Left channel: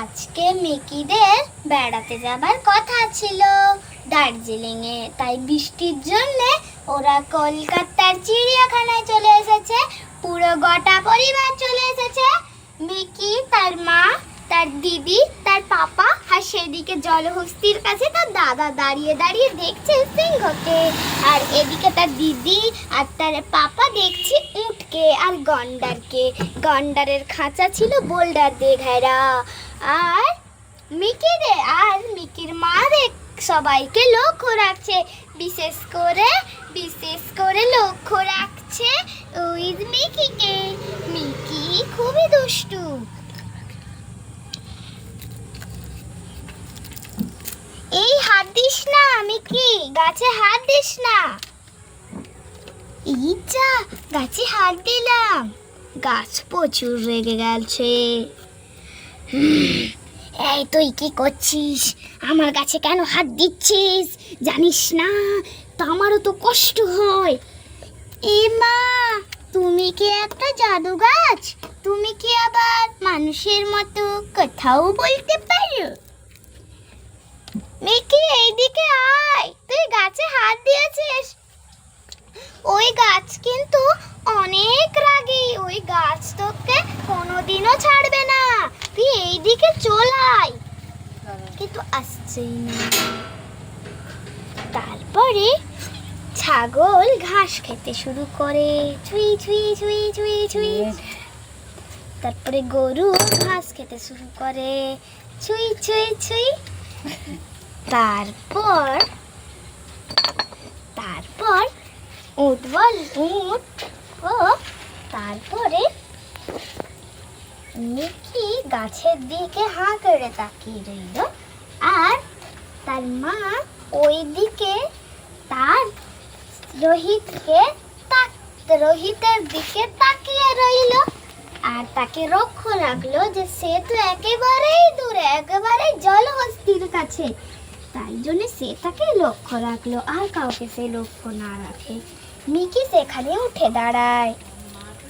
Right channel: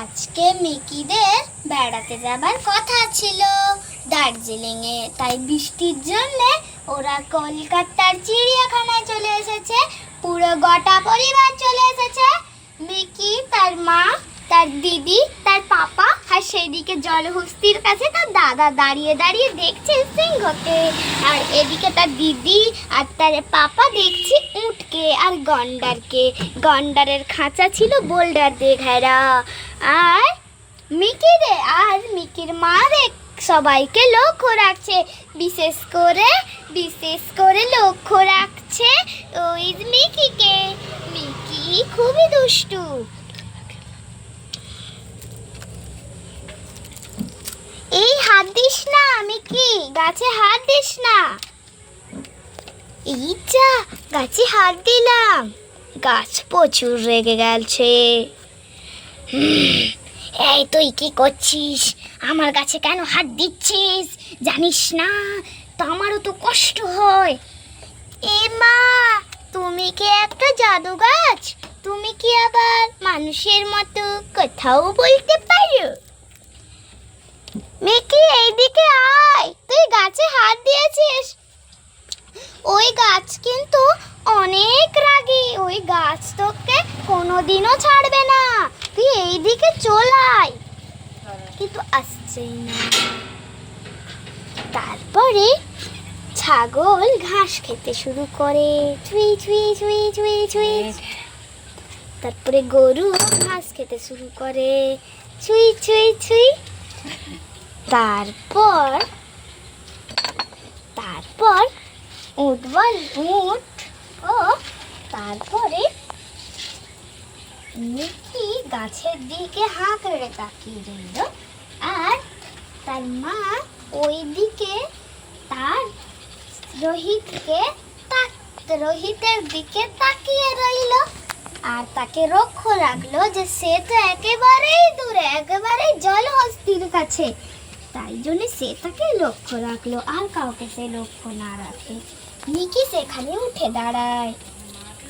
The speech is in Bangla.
আজকে মিকিদের বেড়াতে যাবার কথা ছিল দার্জিলিংয়ে, তাই বৃষ্টির জন্য ওরা কলকাতার চিড়িয়াখানায় চলে এসেছে। পুরো গোটা পরিবার চলে এসেছে। মিকি, তার মা, তার দিদি, তার পাপা, আর সেদিকে জলহস্তির কাছে তার দাদা দাঁড়িয়ে দাঁড়িয়ে দেখছে সিংহকে, আর এদিকে তার দিদি আর তার পাপা দেখছে উটকে আর গন্ডারকে। গন্ডারের খাঁচা ছিল বোল্ডার দিয়ে ঘেরা। আর মিকির মা সবাইকে লক্ষ্য রাখছে, বিশেষ করে লক্ষ্য রাখছে ওই মিকিকে। মিকি খুবই দুষ্টু। এই হাত দিস না মিকি, গাছে হাত দিস না। এই যা, গাছে হাত দিলাম, গাছ প্রচুর রেগে গেছে। এই তুই কি করছিস? আমার গাছে কেন হাত দিচ্ছিস? জানিস না তো আমারও তো কষ্ট হয়। এ মা, তুমি কি একটা জাদু গাছ? তুমি কি আবার মানুষের মতো কথাও বলতে পারো? মিকি, এইদিকে আয়, তুই গাছে হাত দিয়েছিস। ওই গাছ কিন্তু অনেক রাগী, ওই গাছ তোকে কোনোদিনও ছাড়বে না। তুই এইদিকে চলে আয়। কিন্তু আসছেই না। তারপরে ছাগল ঘাস খেতে শুরু করে, ছুঁই ছুঁই ছুঁই ছুঁই ছুঁই। তারপরে গরু ঘাস খেতে শুরু করে, ছুঁই ছুঁই ছুঁই। তারপর উট ও তারপরে মিকি গাছের দিকে হাঁ করে তাকিয়ে রইল, আর তার মা ওই দিকে তার রোহিতের দিকে তাকিয়ে রইল, আর তাকে লক্ষ্য রাখলো যে সে তো একেবারেই দূরে, একেবারেই জলহস্তির কাছে। তাই জন্য সে তাকে লক্ষ্য রাখলো, আর কাউকে সে লক্ষ্য না রাখে। মিকি সেখানে উঠে দাঁড়ায়।